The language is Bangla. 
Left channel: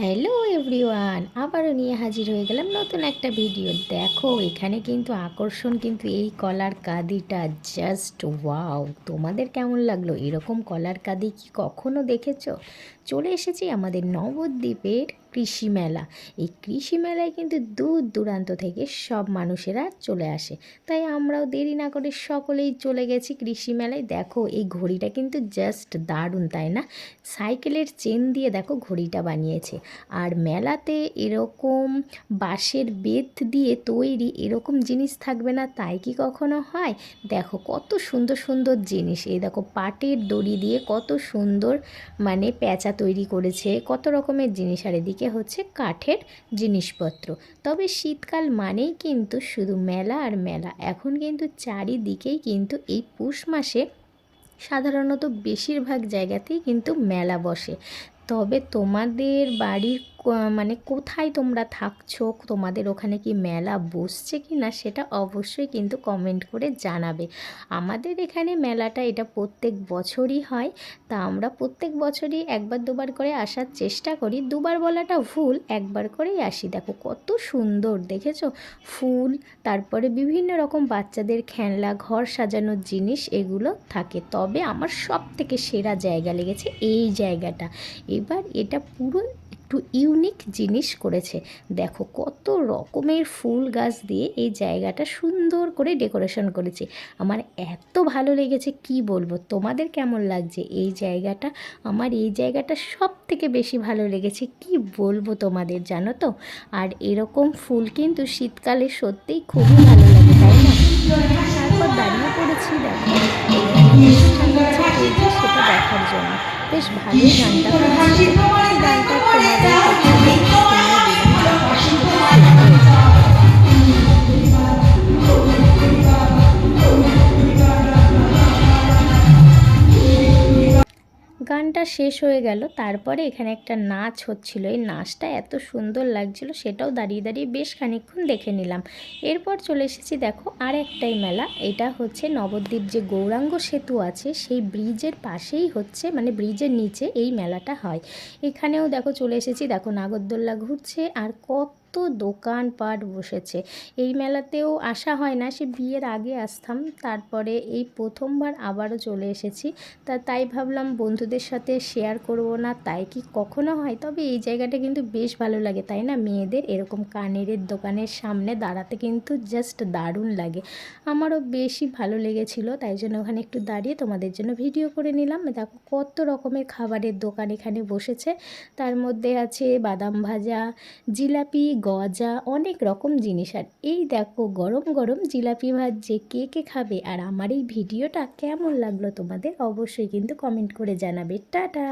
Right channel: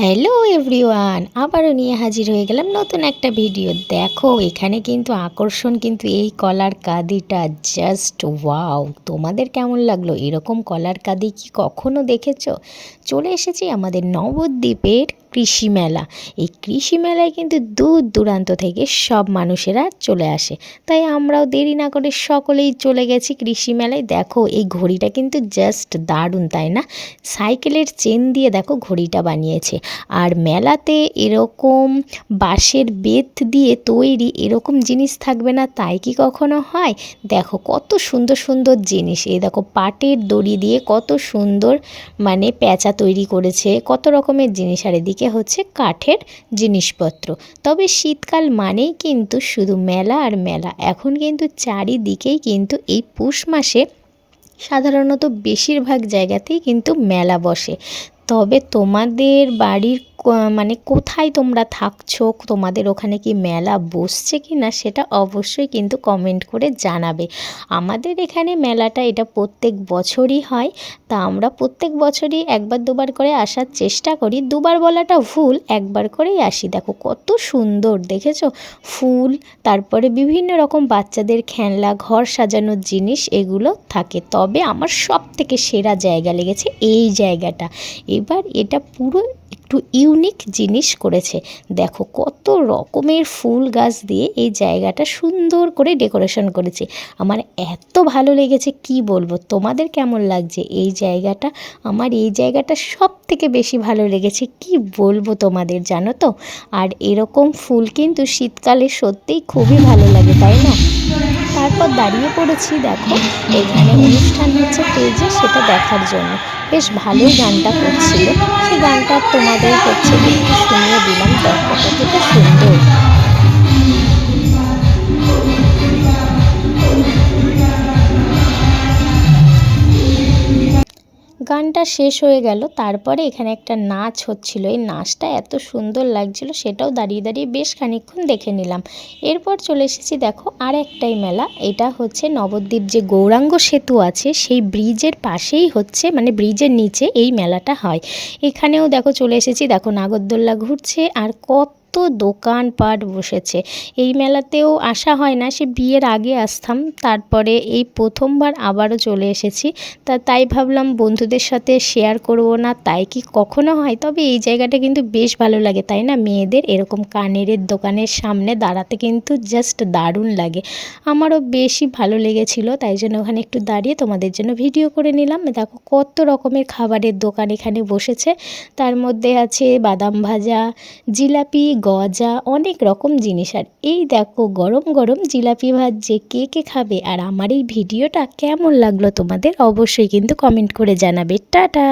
হ্যালো এভরিওয়ান, আবারও নিয়ে হাজির হয়ে গেলাম নতুন একটা ভিডিও। দেখো এখানে কিন্তু আকর্ষণ কিন্তু এই কলার কাঁদিটা জাস্ট ওয়াও। তোমাদের কেমন লাগলো? এরকম কলার কাঁদি কি কখনো দেখেছো? চলে এসেছি আমাদের নবদ্বীপের কৃষি মেলা। এই কৃষি মেলায় কিন্তু দূর দূরান্ত থেকে সব মানুষেরা চলে আসে, তাই আমরাও দেরি না করে সকলেই চলে গেছি কৃষি মেলায়। দেখো এই ঘড়িটা কিন্তু জাস্ট দারুণ, তাই না? সাইকেলের চেন দিয়ে দেখো ঘড়িটা বানিয়েছে। আর মেলাতে এরকম বাঁশের বেত দিয়ে তৈরি এরকম জিনিস থাকবে না তাই কি কখনো হয়? দেখো কত সুন্দর সুন্দর জিনিস। এই দেখো পাটের দড়ি দিয়ে কত সুন্দর মানে প্যাঁচা তৈরি করেছে, কত রকমের জিনিস। আর এদিকে হচ্ছে কাঠের জিনিসপত্র। তবে শীতকাল মানেই কিন্তু শুধু মেলা আর মেলা। এখন কিন্তু চারিদিকেই কিন্তু এই পৌষ মাসে সাধারণত বেশিরভাগ জায়গাতেই কিন্তু মেলা বসে। তবে তোমাদের বাড়ির মানে কোথায় তোমরা থাকছো, তোমাদের ওখানে কি মেলা বসছে কি না সেটা অবশ্যই কিন্তু কমেন্ট করে জানাবে। আমাদের এখানে মেলাটা এটা প্রত্যেক বছরই হয়, তা আমরা প্রত্যেক বছরই একবার দুবার করে আসার চেষ্টা করি। দুবার বলাটা ভুল, একবার করেই আসি। দেখো কত সুন্দর দেখেছো ফুল, তারপরে বিভিন্ন রকম বাচ্চাদের খেলনা, ঘর সাজানোর জিনিস এগুলো থাকে। তবে আমার সব থেকে সেরা জায়গা লেগেছে এই জায়গাটা। এবার এটা পুরো একটু ইউনিক জিনিস করেছে। দেখো কত রকমের ফুল গাছ দিয়ে এই জায়গাটা সুন্দর করে ডেকোরেশন করেছে। আমার এত ভালো লেগেছে কি বলবো। তোমাদের কেমন লাগছে এই জায়গাটা? আমার এই জায়গাটা সব থেকে বেশি ভালো লেগেছে কি বলবো তোমাদের, জানো তো। আর এরকম ফুল কিন্তু শীতকালে সত্যিই খুবই ভালো লাগে, তাই না? তারপর দাঁড়িয়ে পড়েছি দেখো এখানে অনুষ্ঠান হচ্ছে স্টেজে, সেটা দেখার জন্য। বেশ ভালোই গানটা করছিল, সেই গানটা তোমাদের হচ্ছে একটু শুনিয়ে দিলাম। দেখো কতটা সুন্দর। গানটা শেষ হয়ে গেল, তারপরে এখানে একটা নাচ হচ্ছিল। এই নাচটা এত সুন্দর লাগছিল, সেটাও দাঁড়িয়ে দাঁড়িয়ে বেশ খানিকক্ষণ দেখে নিলাম। এরপর চলে এসেছি দেখো আর একটাই মেলা। এটা হচ্ছে নবদ্বীপ যে গৌরাঙ্গ সেতু আছে সেই ব্রিজের পাশেই হচ্ছে, মানে ব্রিজের নিচে এই মেলাটা হয়। এখানেও দেখো চলে এসেছি। দেখো নাগরদোল্লা ঘুরছে আর কত দোকানপাট বসেছে। এই মেলাতেও আসা হয় না, সে বিয়ের আগে আসতাম, তারপরে এই প্রথমবার আবারও চলে এসেছি। তাই ভাবলাম বন্ধুদের সাথে শেয়ার করব না, তাই কি কখনো হয়? তবে এই জায়গাটা কিন্তু বেশ ভালো লাগে, তাই না? মেয়েদের এরকম কানের দোকানের সামনে দাঁড়াতে কিন্তু জাস্ট দারুণ লাগে। আমারও বেশি ভালো লেগেছিল, তাই জন্য ওখানে একটু দাঁড়িয়ে তোমাদের জন্য ভিডিও করে নিলাম। দেখো কত রকমের খাবারের দোকান এখানে বসেছে। তার মধ্যে আছে বাদাম ভাজা, জিলাপি, গজা, অনেক রকম জিনিস। আর এই দেখো গরম গরম জিলাপি ভাজছে। কে কে খাবে? আর আমার এই ভিডিওটা কেমন লাগলো তোমাদের অবশ্যই কিন্তু কমেন্ট করে জানাবে। টাটা।